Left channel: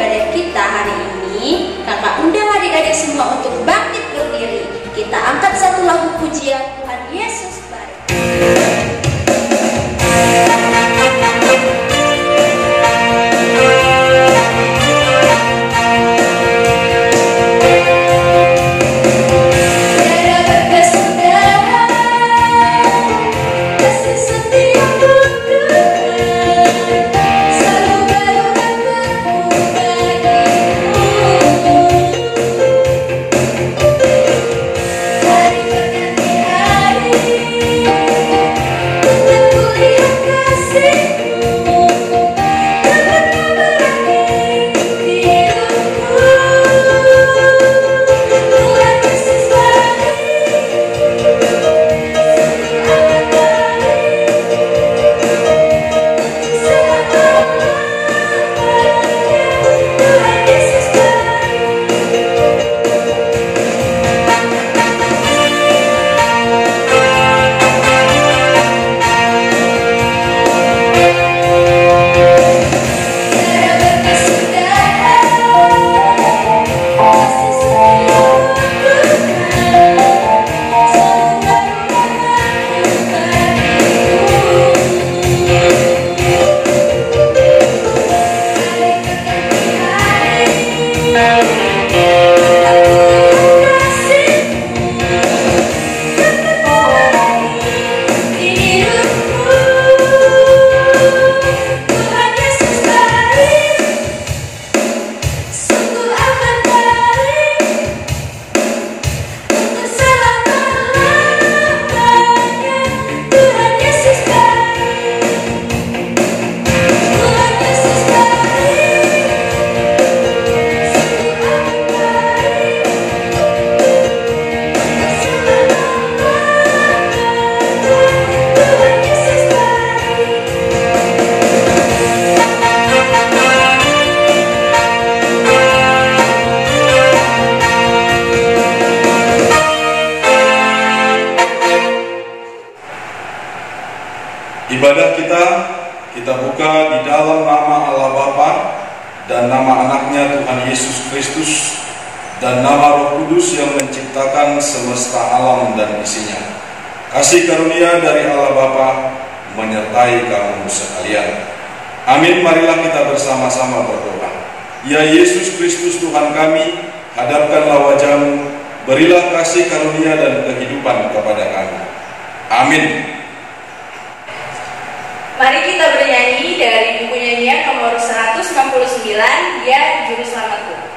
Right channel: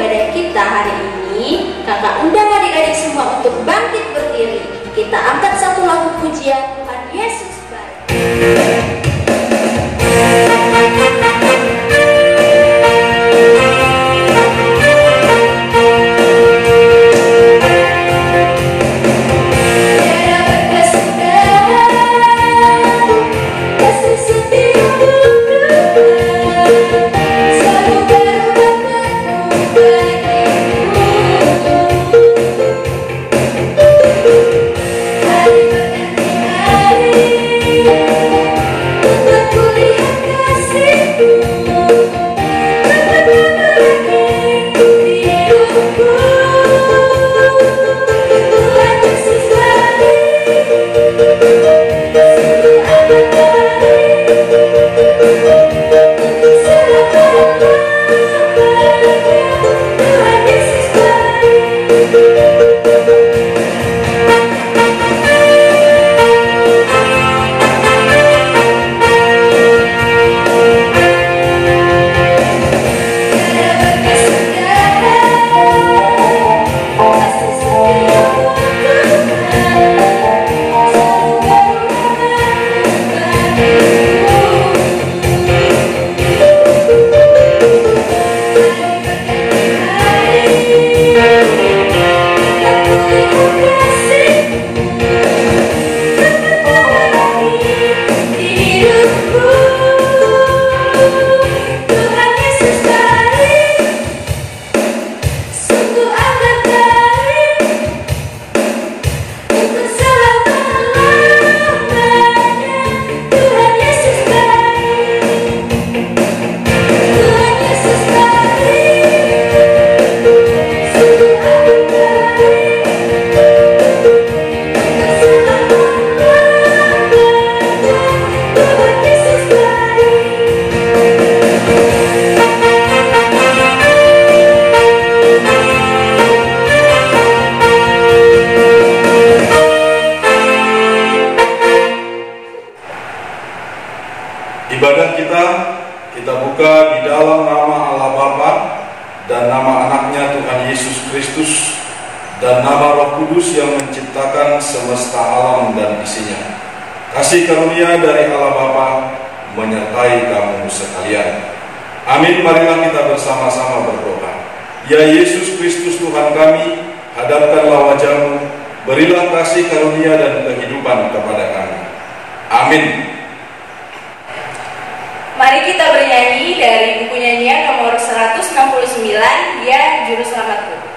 ibadah kita hari ini, kakak undang adik-adik semua untuk bangkit berdiri. Kita angkat satu lagu pujian, Tuhan Yesus baik. Ibadah kita buka di dalam nama Allah Bapa dan nama anaknya Tuhan Yesus Kristus dan nama Roh Kudus yang menciptakan semesta alam dan isinya. Kasih karunia dari Allah Bapa menyertai kamu sekalian. Amin. Marilah kita bersama-sama berdoa. Ya Yesus Kristus Tuhan kami, hadapkanlah wajah-Mu, berilah kasih karunia dan kehidupan kepada kami. Amin. Mari kita bernyanyi dari buku nyanyian nomor 169, Ya Juru Selamatku. Juru Selamatku.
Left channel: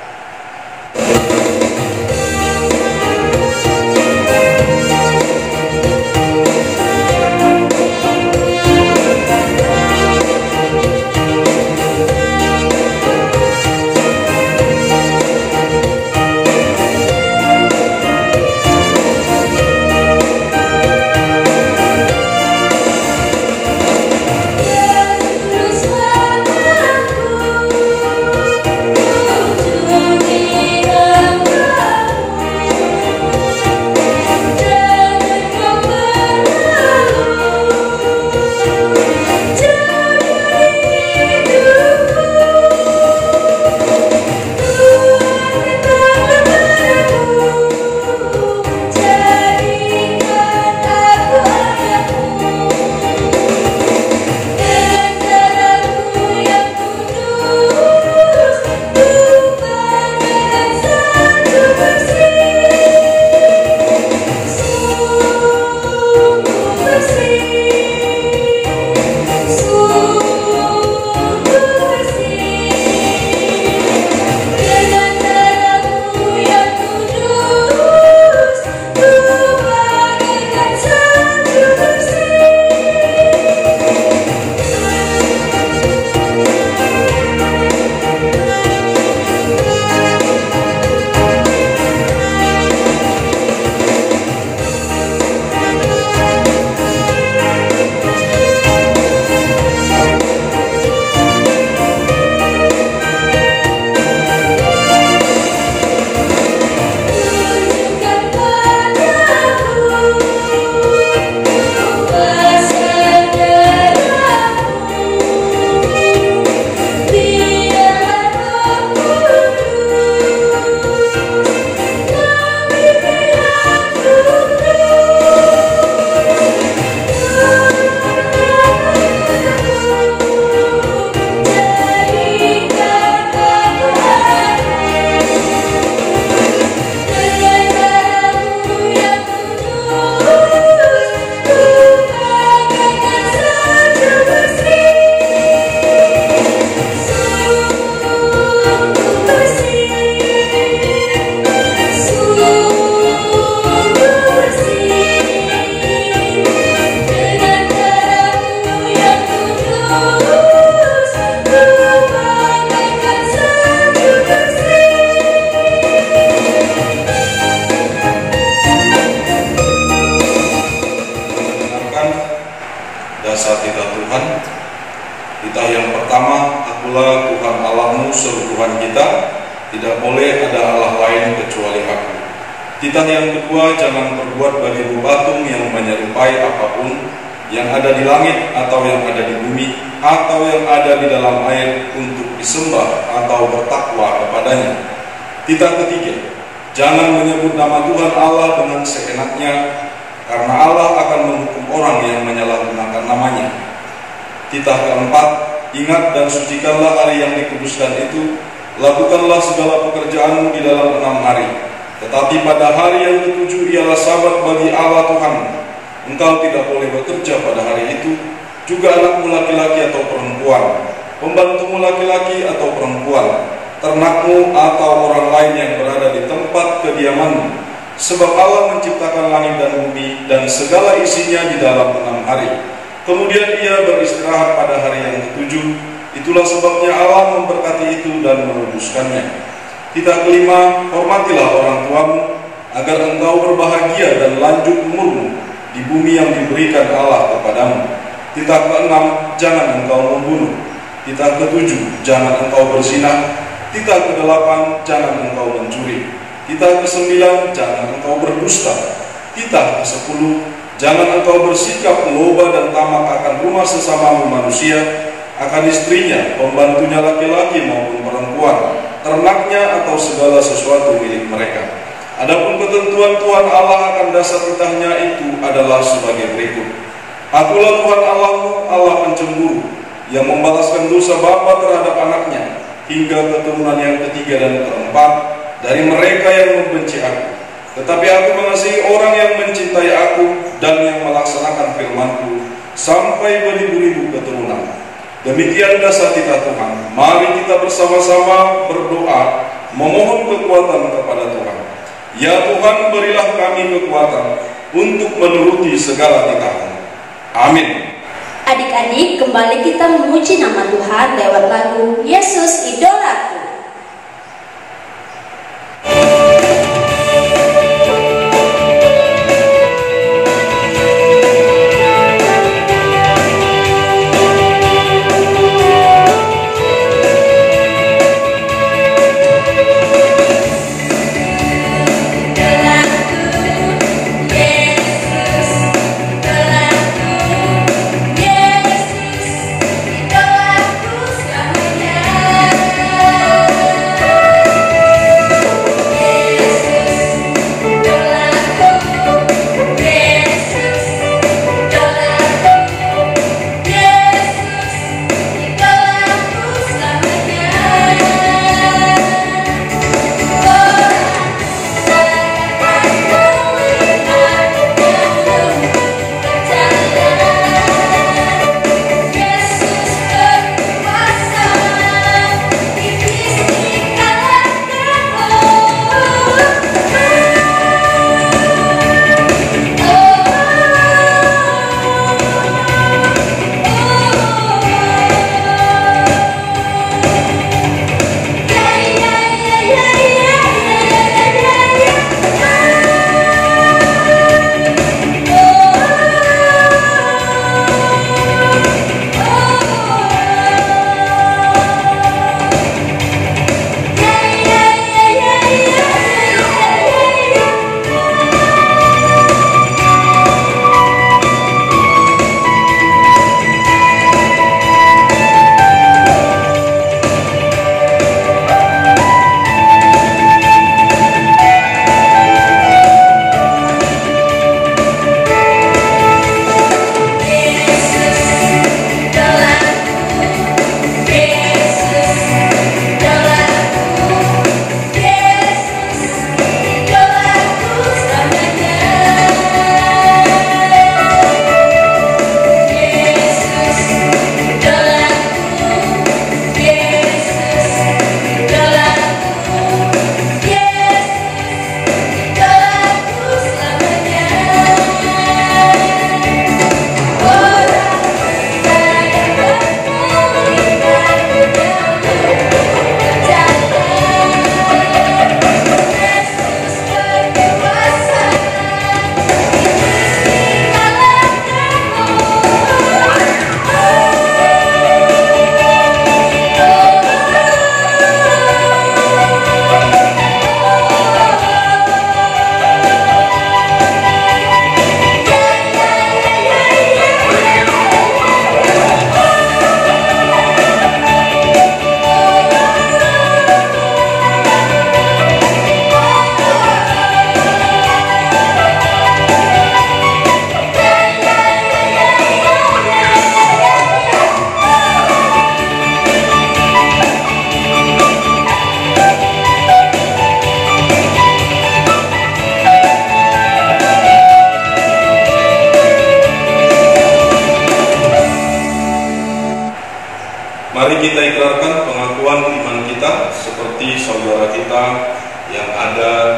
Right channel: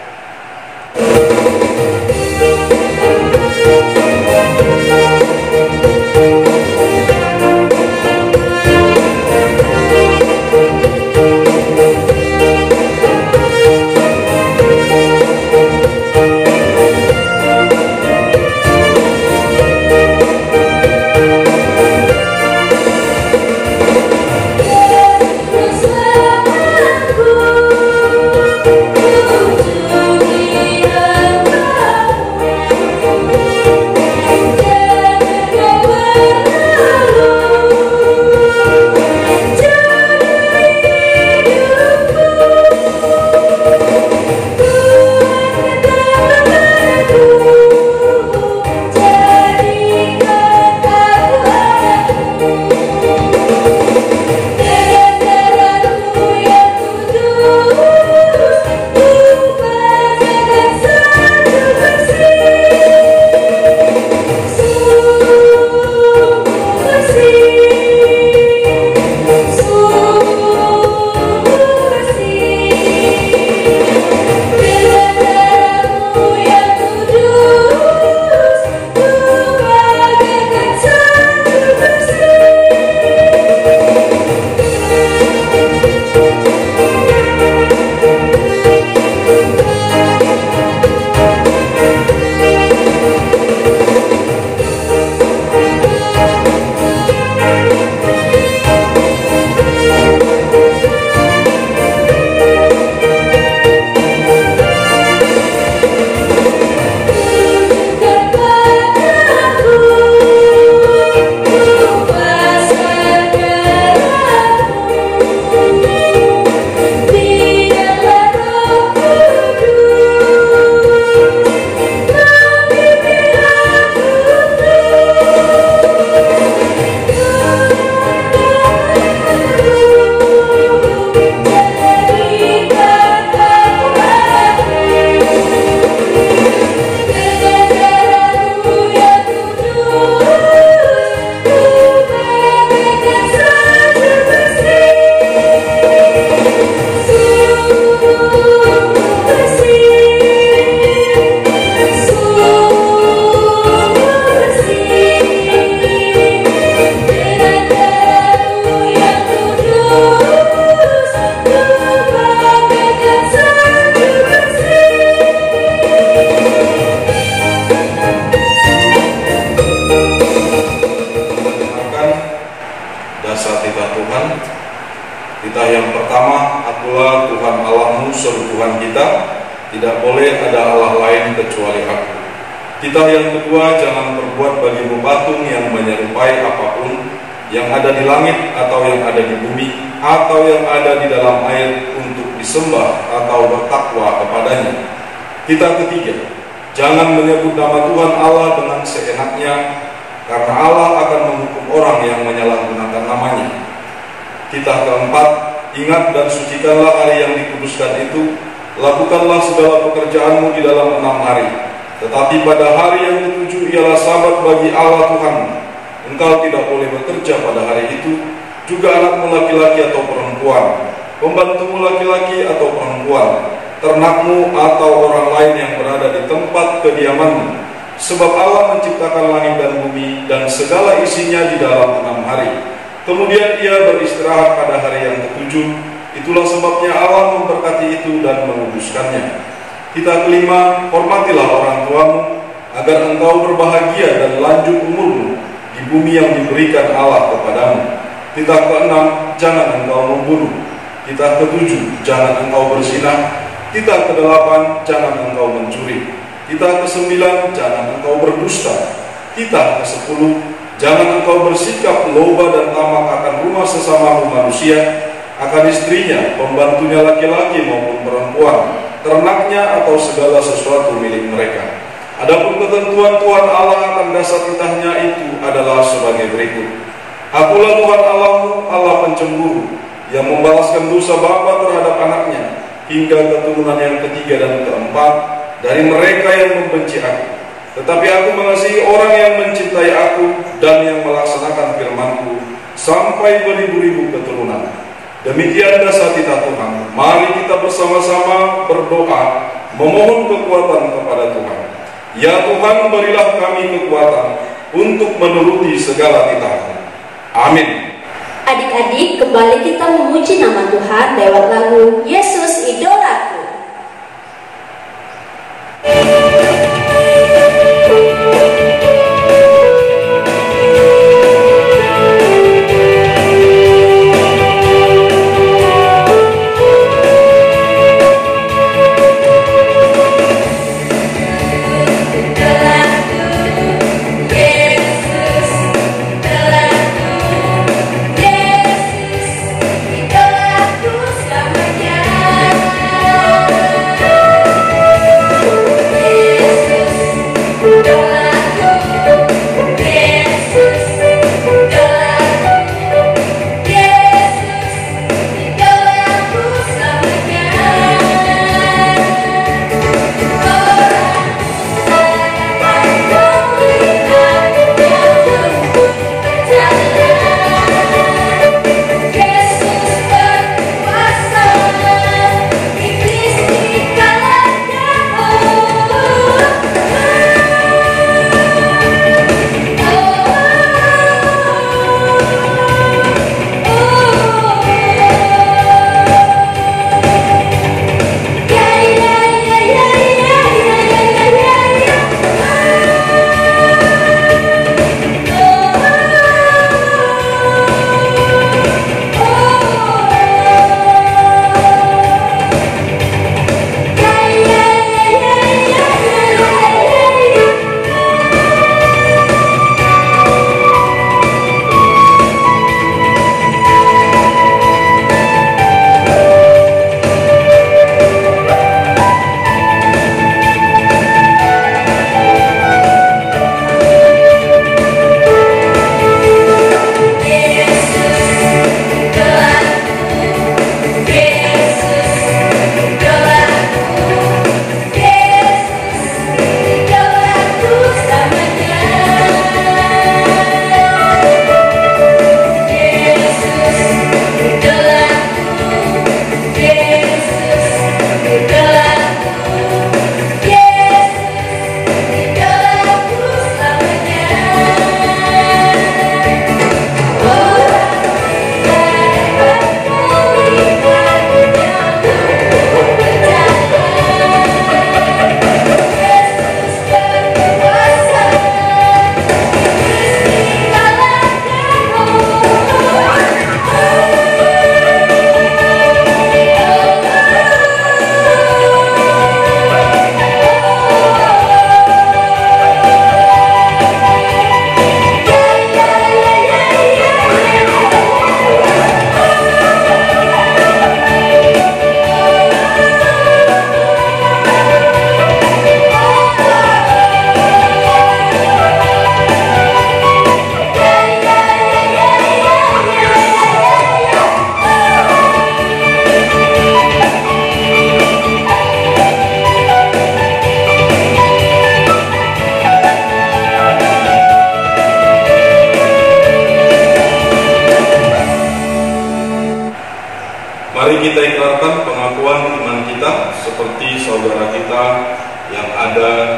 tidak boleh ada Allah lain kecuali Aku. Titah yang kedua, jangan berbuat bagi patung yang menyerupai apapun yang ada di langit atau yang ada di bumi atau yang ada di dalam air untuk disembah atau bertakwa kepadanya. Titah ketiga, jangan menyebut nama Tuhan Allah dengan seenaknya, karena Allah akan menghukum orang yang menyalahgunakan namanya. Titah keempat, ingat dan sucikanlah hari yang dikuduskan itu, lakukanlah segala pekerjaanmu di dalam 6 hari. Tetapi pada hari yang ke-7 ialah Sabat bagi Allah Tuhan. Engkau tidak boleh bekerja pada hari itu, juga anakmu laki-laki atau perempuan, pembantumu laki-laki atau perempuan, ternakmu atau orang lain yang berada di tempat kediamanmu. Sebab Allah menciptakan langit dan bumi dan segala isinya di dalam 6 hari. Kemudian Ia beristirahat pada hari yang ke-7. Itulah sebabnya Allah memberkati itu dan menguduskannya. Titah kelima, hormatilah orang tuamu, agar engkau berbahagia dan lanjut umurmu di bumi yang diberikan Allah kepadamu. Titah keenam, jangan engkau membunuh. Titah ketujuh, jangan engkau berzina. Titah kedelapan, jangan engkau mencuri. Titah kesembilan, jangan engkau berdusta. Titah kesepuluh, jangan engkau bersikap loba dan tamak akan rumah sesamamu manusia, akan istrinya, pembantunya laki-laki maupun perempuan, ternaknya atau segala sesuatu milik mereka. Adapun ketentuan Tuhan Allah akan dasar titahnya itu adalah sebagai berikut. Akulah Tuhan Allahmu, Allah pencemburu, yang membalaskan dosa bapa terhadap anaknya, hingga keturunan yang ketiga dan keempat dari mereka yang membenci Aku. Tetapi Aku mengasihi orang yang mencintai Aku dan yang melaksanakan firman-Ku sampai beribu-ribu keturunan. Demikian dasar titah Tuhan. Mari kita bersama-sama berdoa, memohon kekuatan kepada Tuhan. Ya Tuhan, berilah kami kekuatan untuk menuruti segala titah-Mu. Amin. Adik-adik, kembali kita memuji nama Tuhan lewat lagu Yesus Idolaku. Yesus, idolaku selamanya.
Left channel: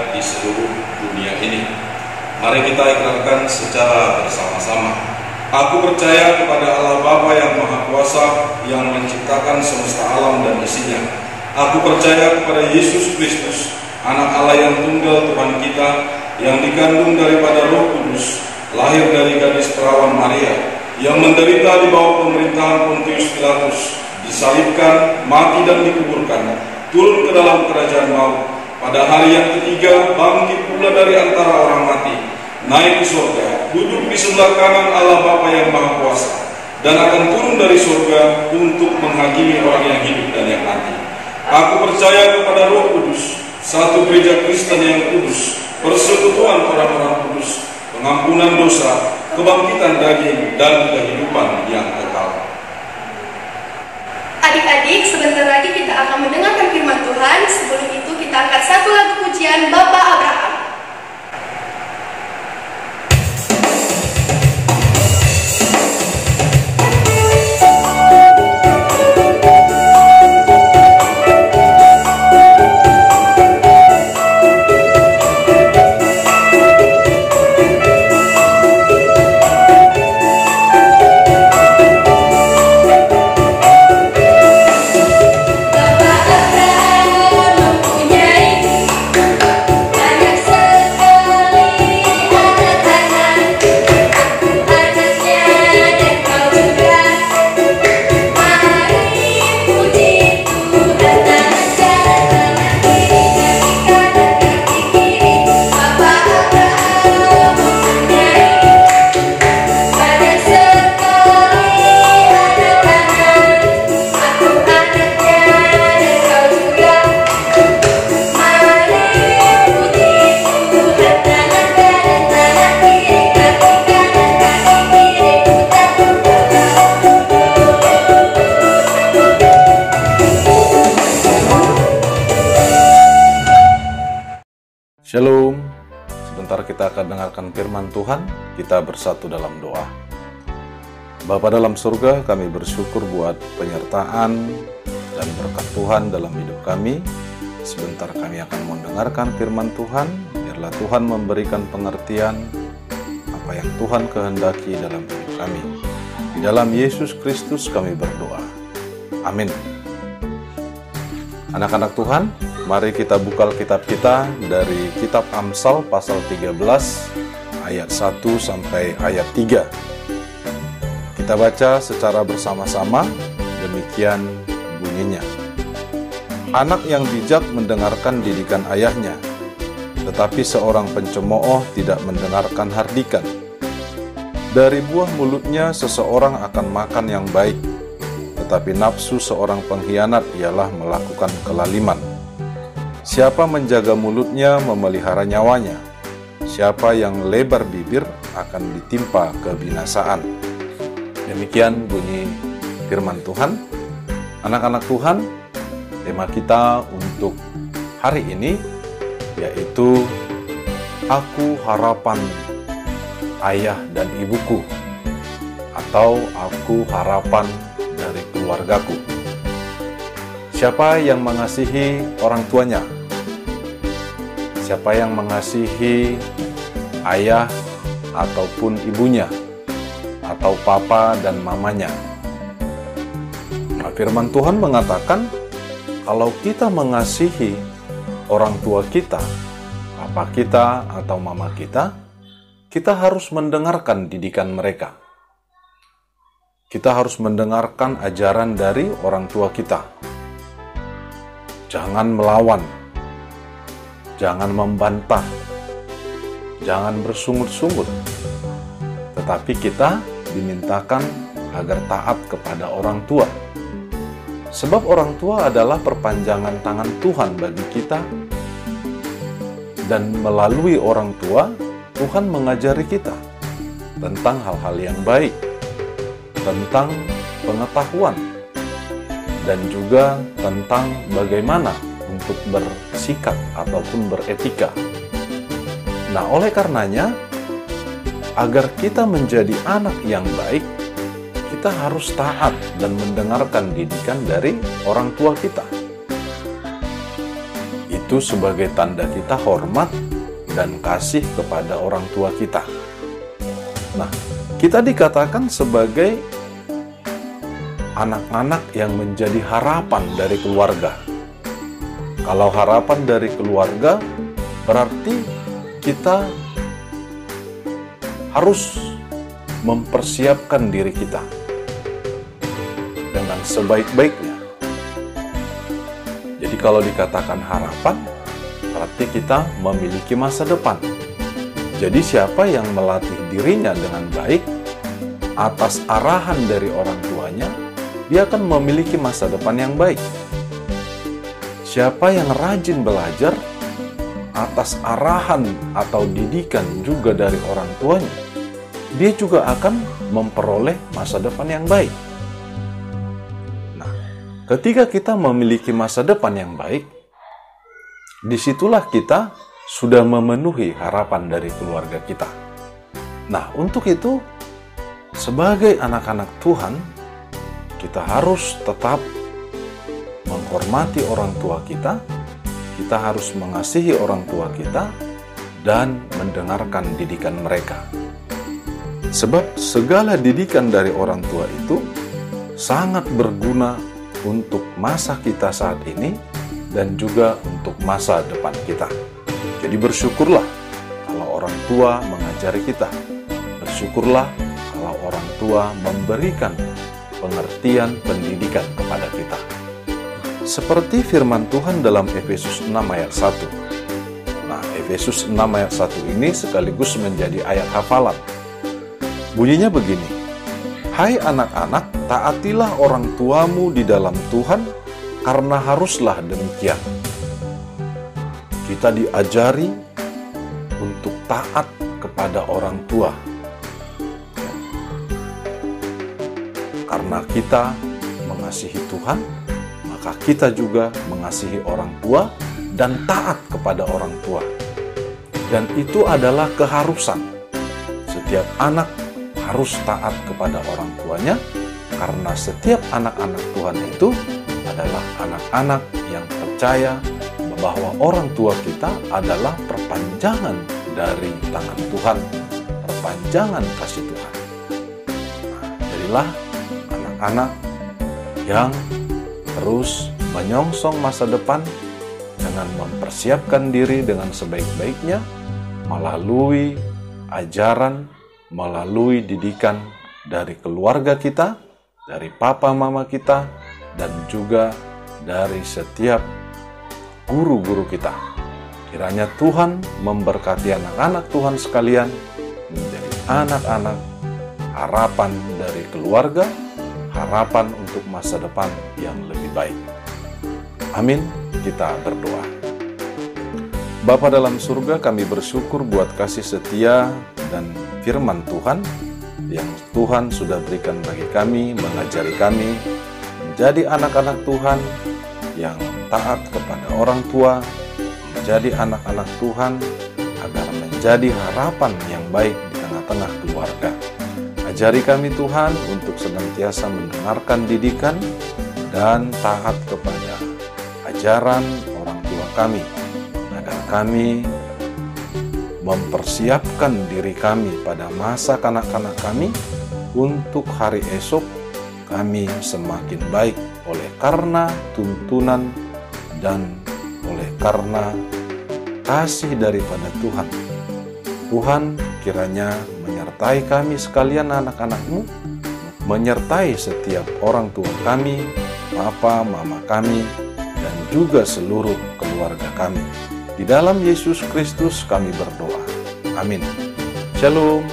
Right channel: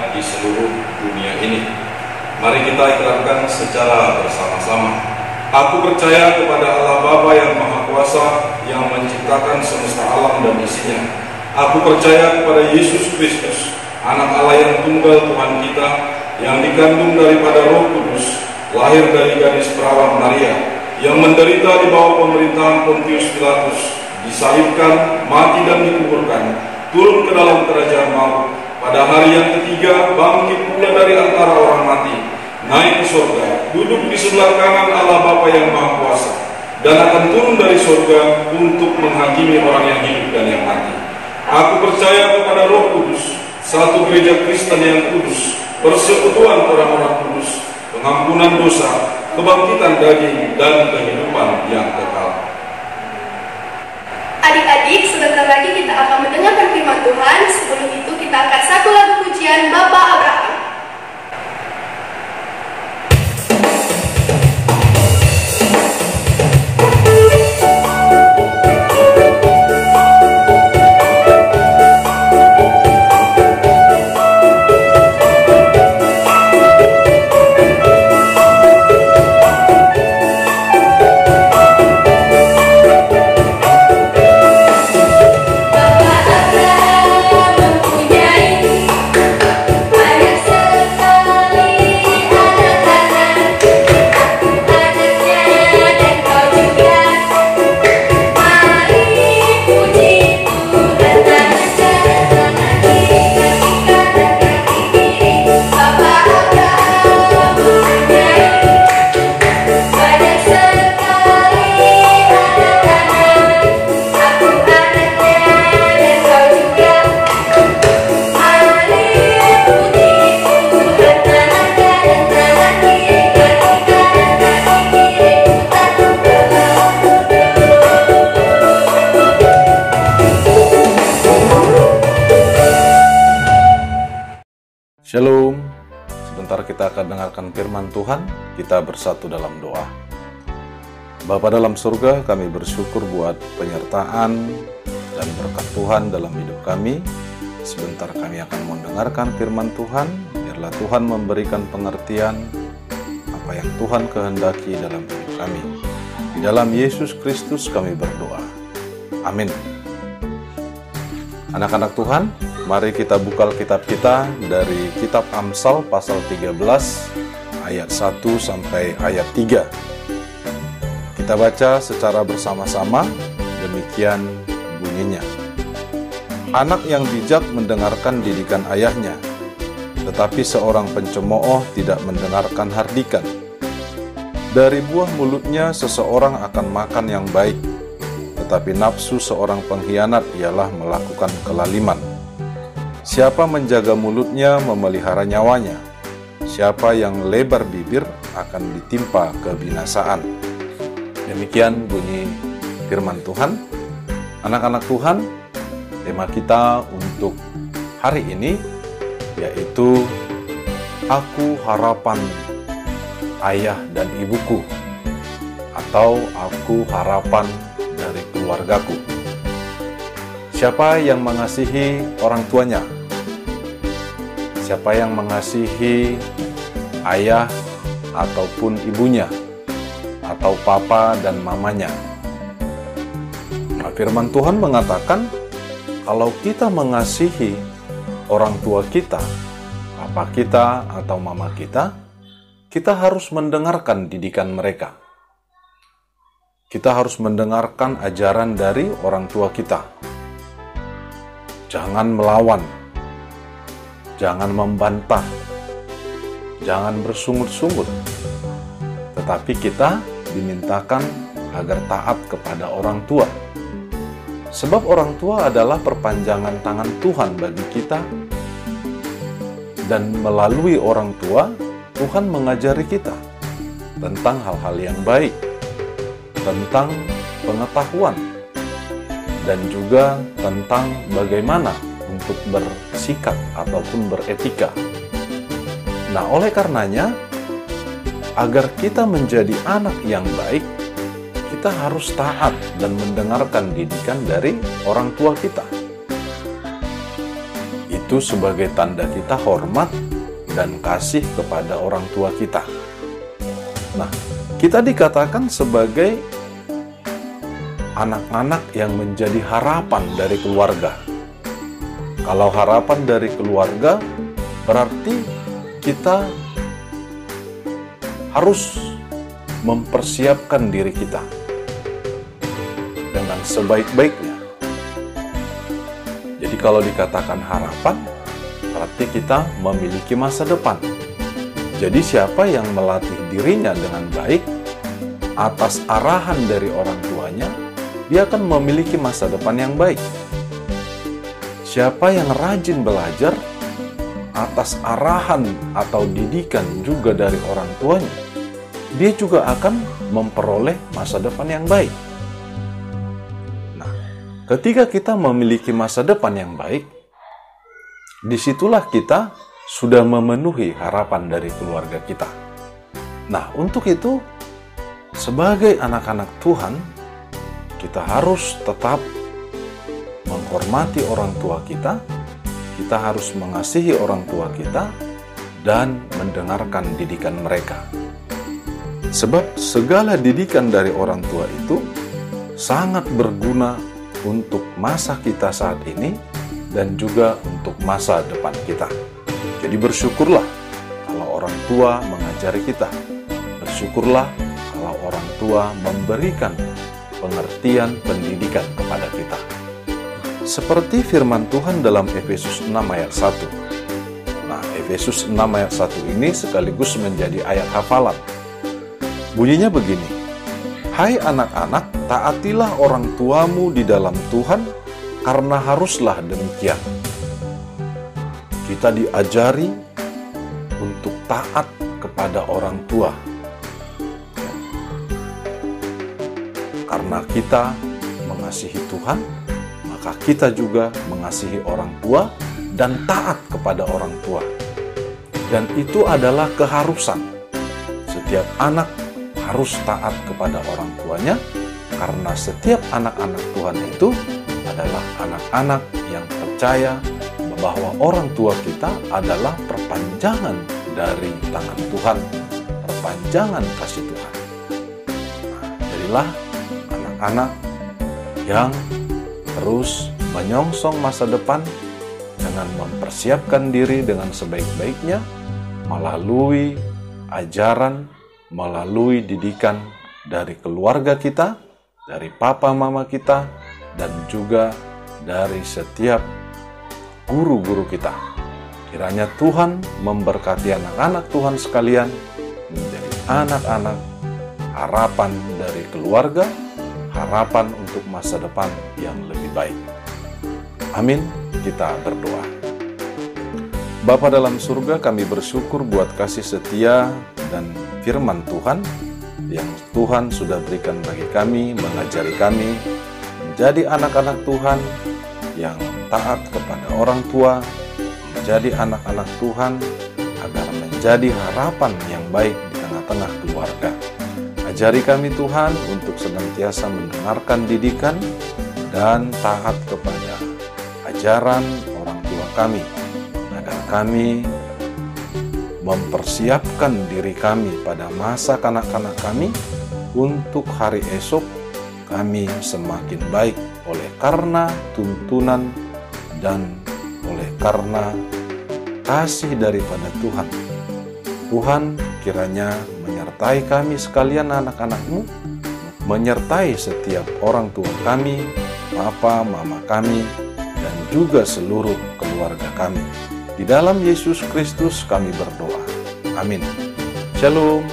ada di seluruh dunia ini. Mari kita ikrarkan secara bersama-sama. Aku percaya kepada Allah Bapa yang Maha Kuasa, yang menciptakan semesta alam dan isinya. Aku percaya kepada Yesus Kristus, Anak Allah yang tunggal Tuhan kita, yang dikandung daripada Roh Kudus, lahir dari gadis perawan Maria, yang menderita di bawah pemerintahan Pontius Pilatus, disalibkan, mati dan dikuburkan, turun ke dalam kerajaan maut, pada hari yang ketiga bangkit pula dari antara orang mati, naik ke surga, duduk di sebelah kanan Allah Bapa yang Maha Kuasa, dan akan turun dari surga untuk menghakimi orang yang hidup dan yang mati. Aku percaya kepada Roh Kudus, satu gereja Kristen yang kudus, persekutuan orang-orang kudus, pengampunan dosa, kebangkitan daging, dan kehidupan yang kekal. Adik-adik, sebentar lagi kita akan mendengarkan firman Tuhan. Sebelum itu kita angkat satu lagu pujian Bapak Abraham. Shalom. Sebentar kita akan dengarkan firman Tuhan. Kita bersatu dalam doa. Bapa dalam surga, kami bersyukur buat penyertaan dan berkat Tuhan dalam hidup kami. Sebentar kami akan mendengarkan firman Tuhan. Biarlah Tuhan memberikan pengertian apa yang Tuhan kehendaki dalam hidup kami. Di dalam Yesus Kristus kami berdoa. Amin. Anak-anak Tuhan, mari kita buka Alkitab kita dari kitab Amsal pasal 13 ayat 1 sampai ayat 3. Kita baca secara bersama-sama, demikian bunyinya. Anak yang bijak mendengarkan didikan ayahnya, tetapi seorang pencemooh tidak mendengarkan hardikan. Dari buah mulutnya seseorang akan makan yang baik, tetapi nafsu seorang pengkhianat ialah melakukan kelaliman. Siapa menjaga mulutnya memelihara nyawanya. Siapa yang lebar bibir akan ditimpa kebinasaan. Demikian bunyi firman Tuhan. Anak-anak Tuhan, tema kita untuk hari ini yaitu Aku Harapan Ayah dan Ibuku, atau Aku Harapan dari Keluargaku. Siapa yang mengasihi orang tuanya? Siapa yang mengasihi ayah ataupun ibunya, atau papa dan mamanya? Nah, firman Tuhan mengatakan, kalau kita mengasihi orang tua kita, papa kita atau mama kita, kita harus mendengarkan didikan mereka. Kita harus mendengarkan ajaran dari orang tua kita. Jangan melawan, jangan membantah, jangan bersungut-sungut. Tetapi kita dimintakan agar taat kepada orang tua. Sebab orang tua adalah perpanjangan tangan Tuhan bagi kita. Dan melalui orang tua, Tuhan mengajari kita tentang hal-hal yang baik, tentang pengetahuan, dan juga tentang bagaimana untuk bersikap ataupun beretika. Nah, oleh karenanya, agar kita menjadi anak yang baik, kita harus taat dan mendengarkan didikan dari orang tua kita. Itu sebagai tanda kita hormat dan kasih kepada orang tua kita. Nah, kita dikatakan sebagai anak-anak yang menjadi harapan dari keluarga. Kalau harapan dari keluarga, berarti kita harus mempersiapkan diri kita dengan sebaik-baiknya. Jadi kalau dikatakan harapan, berarti kita memiliki masa depan. Jadi siapa yang melatih dirinya dengan baik atas arahan dari orang tuanya, dia akan memiliki masa depan yang baik. Siapa yang rajin belajar atas arahan atau didikan juga dari orang tuanya, dia juga akan memperoleh masa depan yang baik. Nah, ketika kita memiliki masa depan yang baik, disitulah kita sudah memenuhi harapan dari keluarga kita. Nah, untuk itu, sebagai anak-anak Tuhan, kita harus tetap menghormati orang tua kita, kita harus mengasihi orang tua kita, dan mendengarkan didikan mereka. Sebab segala didikan dari orang tua itu sangat berguna untuk masa kita saat ini dan juga untuk masa depan kita. Jadi bersyukurlah kalau orang tua mengajari kita. Bersyukurlah kalau orang tua memberikan pengertian pendidikan kepada kita. Seperti firman Tuhan dalam Efesus 6 ayat 1. Nah, Efesus 6 ayat 1 ini sekaligus menjadi ayat hafalan. Bunyinya begini: Hai anak-anak, taatilah orang tuamu di dalam Tuhan, karena haruslah demikian. Kita diajari untuk taat kepada orang tua. Karena kita mengasihi Tuhan, maka kita juga mengasihi orang tua dan taat kepada orang tua. Dan itu adalah keharusan. Setiap anak harus taat kepada orang tuanya, karena setiap anak-anak Tuhan itu adalah anak-anak yang percaya bahwa orang tua kita adalah perpanjangan dari tangan Tuhan, perpanjangan kasih Tuhan. Nah, jadilah anak-anak yang terus menyongsong masa depan dengan mempersiapkan diri dengan sebaik-baiknya melalui ajaran, melalui didikan dari keluarga kita, dari papa mama kita, dan juga dari setiap guru-guru kita. Kiranya Tuhan memberkati anak-anak Tuhan sekalian menjadi anak-anak harapan dari keluarga, harapan untuk masa depan yang lebih baik. Amin. Kita berdoa. Bapa dalam surga, kami bersyukur buat kasih setia dan firman Tuhan yang Tuhan sudah berikan bagi kami, mengajari kami menjadi anak-anak Tuhan yang taat kepada orang tua, menjadi anak-anak Tuhan agar menjadi harapan yang baik di tengah-tengah keluarga. Ajari kami Tuhan untuk senantiasa mendengarkan didikan dan taat kepada ajaran orang tua kami, agar kami mempersiapkan diri kami pada masa kanak-kanak kami untuk hari esok kami semakin baik oleh karena tuntunan dan oleh karena kasih daripada Tuhan. Tuhan kiranya menyertai kami sekalian anak-anak-Mu, menyertai setiap orang tua kami, papa, mama kami, dan juga seluruh keluarga kami. Di dalam Yesus Kristus kami berdoa. Amin. Shalom.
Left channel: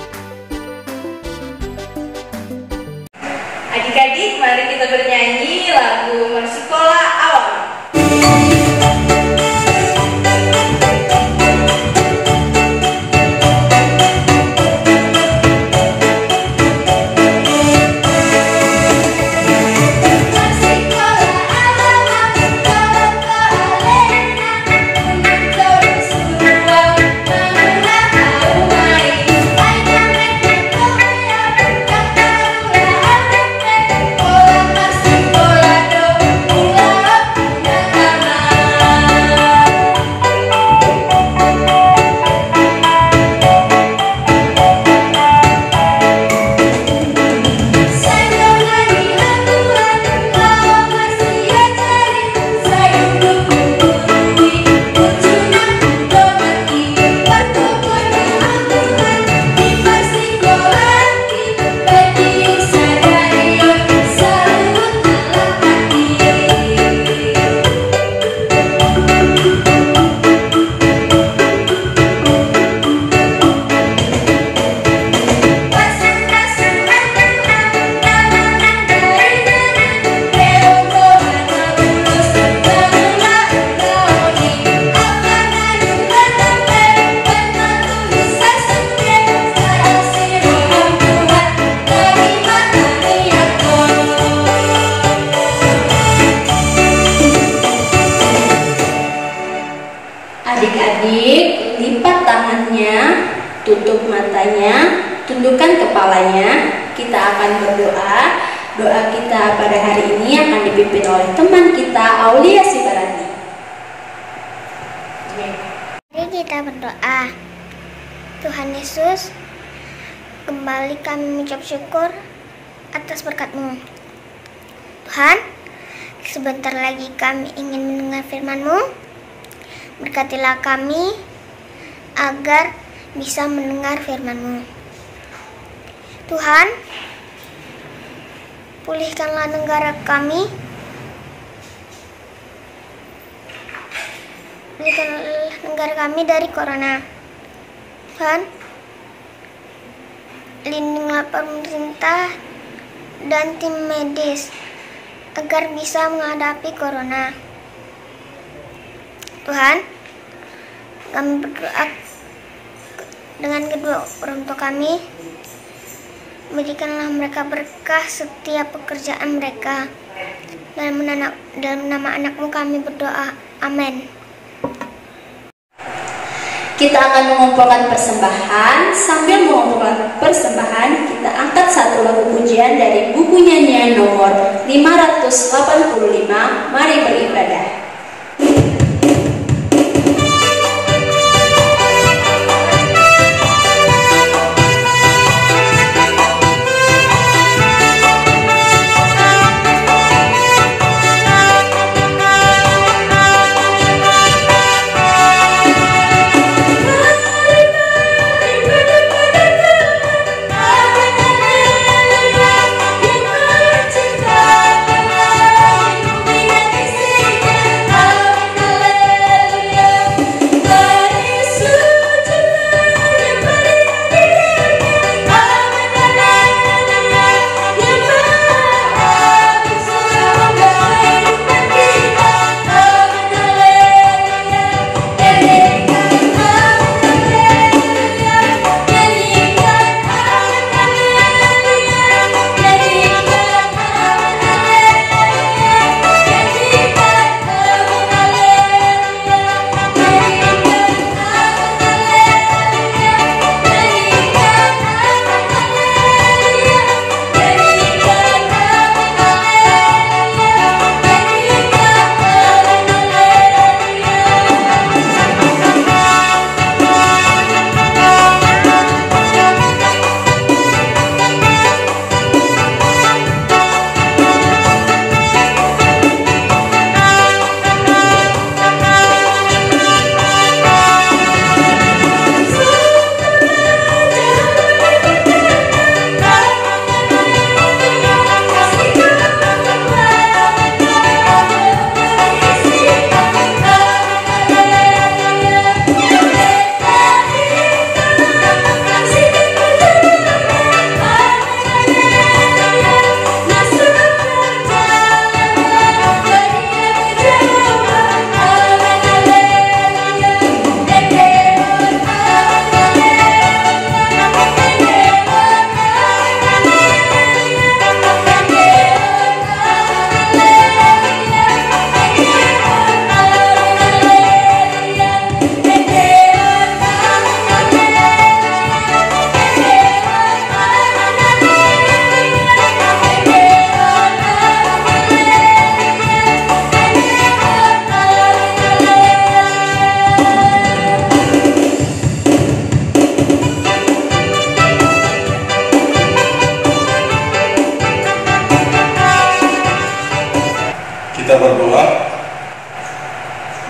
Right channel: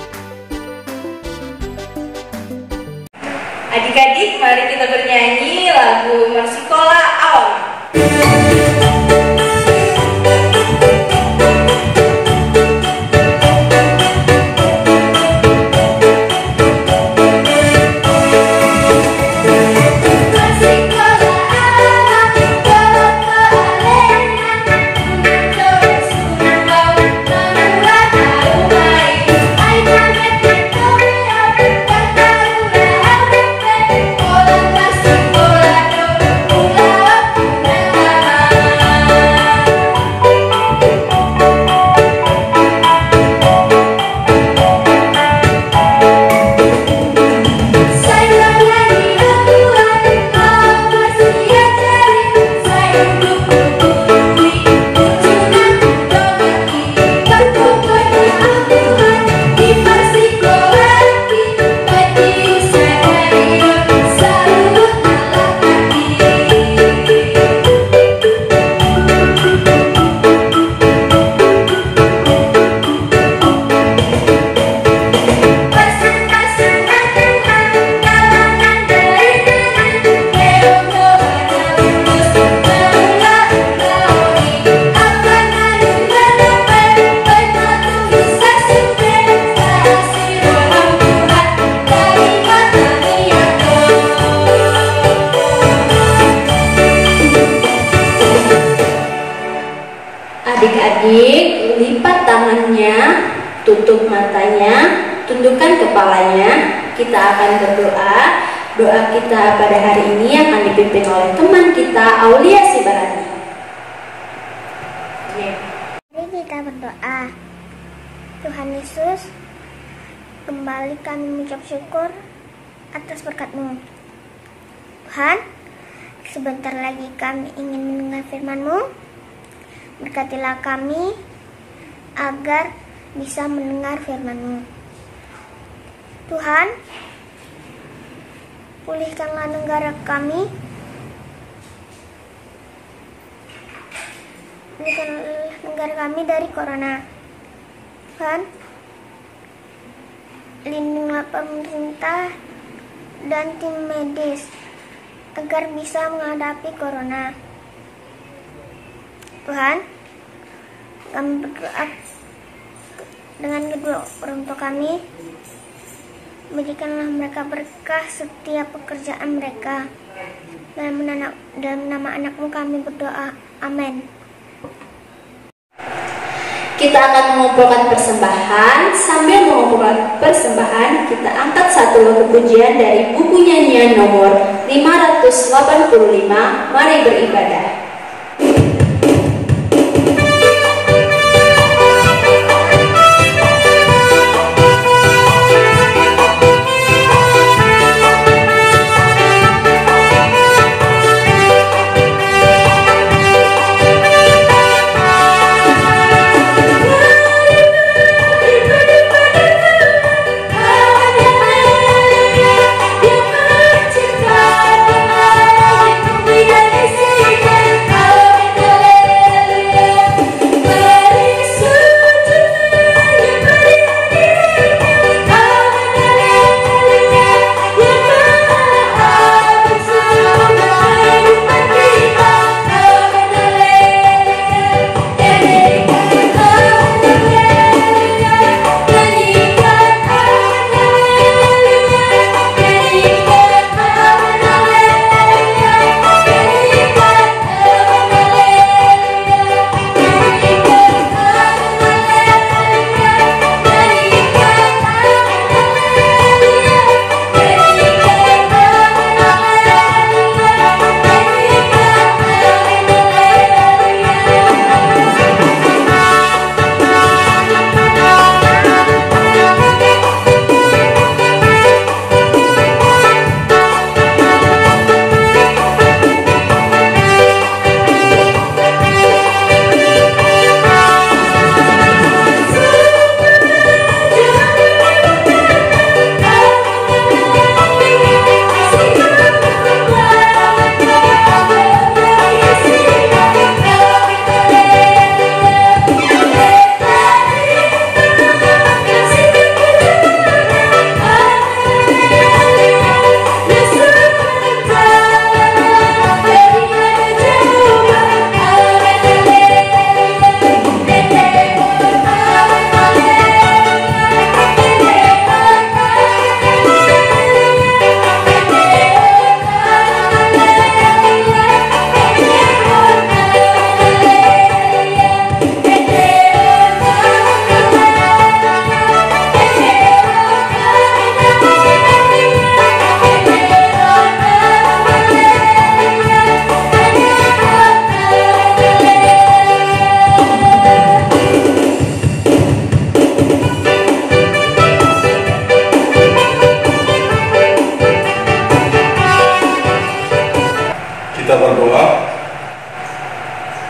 Adik-adik, mari kita bernyanyi lagu Sekolah Alam. I lipat tangannya, tutup matanya, tundukkan kepalanya. Kita akan berdoa. Doa kita pada hari ini akan dipimpin oleh teman kita, Aulia Sibarani. Mari kita berdoa. Tuhan Yesus, kembali kami mengucap syukur atas berkat-Mu. Tuhan, sebentar lagi kami ingin mendengar firman-Mu. Berkatilah kami agar bisa mendengar firman-Mu. Tuhan, pulihkanlah negara kami. Pulihkanlah negara kami dari corona. Tuhan, lindungilah pemerintah dan tim medis agar bisa menghadapi corona. Tuhan, kami berdoa dengan kedua orang tua kami. Berikanlah mereka berkah setiap pekerjaan mereka. Dalam nama anak-Mu kami berdoa. Amin. Kita akan mengumpulkan persembahan. Sambil mengumpulkan persembahan, kita angkat satu lagu pujian dari buku nyanyian nomor 585. Mari beribadah.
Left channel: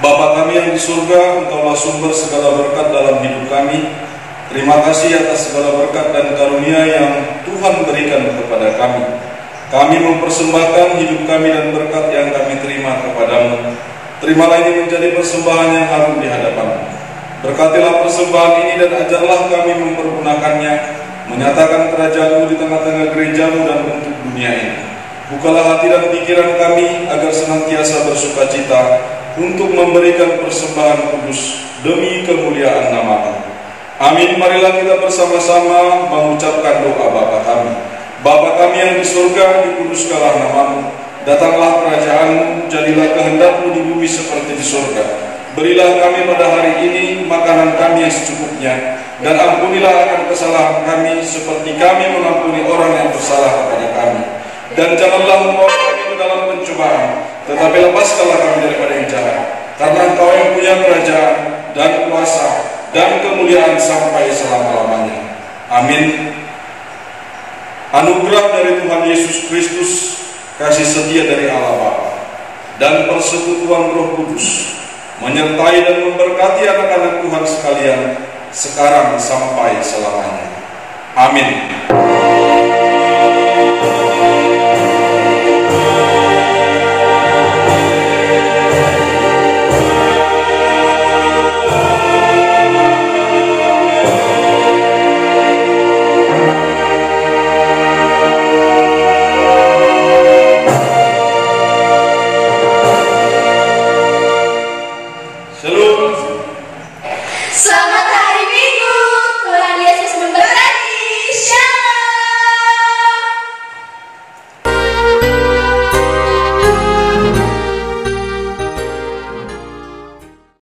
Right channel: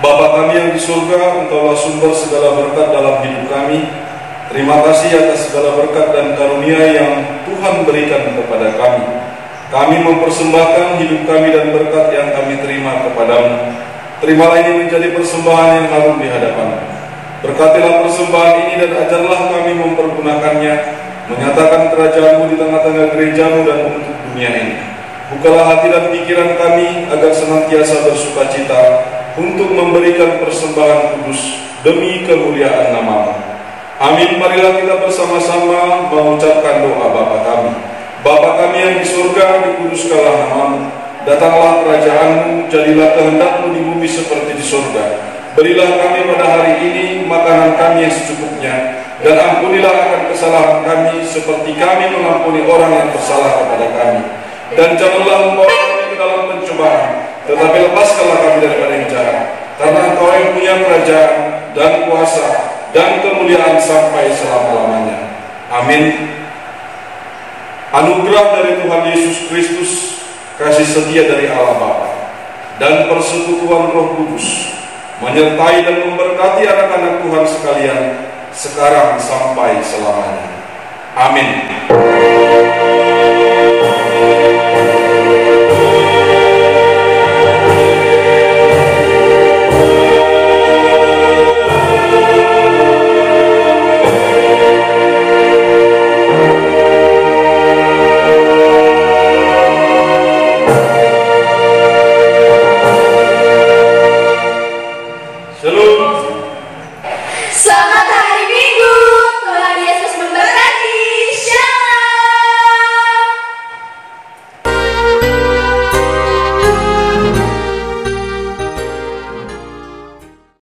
Bapa kami yang di surga, Engkaulah sumber segala berkat dalam hidup kami. Terima kasih atas segala berkat dan karunia yang Tuhan berikan kepada kami. Kami mempersembahkan hidup kami dan berkat yang kami terima kepadamu. Terimalah ini menjadi persembahan yang harum di hadapan-Mu. Berkatilah persembahan ini dan ajarlah kami mempergunakannya, menyatakan kerajaan-Mu di tengah-tengah gereja-Mu dan untuk dunia ini. Bukalah hati dan pikiran kami agar senantiasa bersukacita untuk memberikan persembahan kudus demi kemuliaan nama-Mu. Amin. Marilah kita bersama-sama mengucapkan doa Bapa kami. Bapa kami yang di surga, dikuduskanlah nama-Mu. Datanglah kerajaan-Mu, jadilah kehendak-Mu di bumi seperti di surga. Berilah kami pada hari ini makanan kami yang secukupnya, dan ampunilah akan kesalahan kami seperti kami mengampuni orang yang bersalah kepada kami. Dan janganlah membawa kami ke dalam pencobaan, tetapi lepaskanlah kami daripada yang jahat. Karena Engkau yang punya kerajaan dan kuasa dan kemuliaan sampai selama-lamanya. Amin. Anugerah dari Tuhan Yesus Kristus, kasih setia dari Allah Bapa, dan persekutuan Roh Kudus menyertai dan memberkati anak-anak Tuhan sekalian sekarang sampai selamanya. Amin.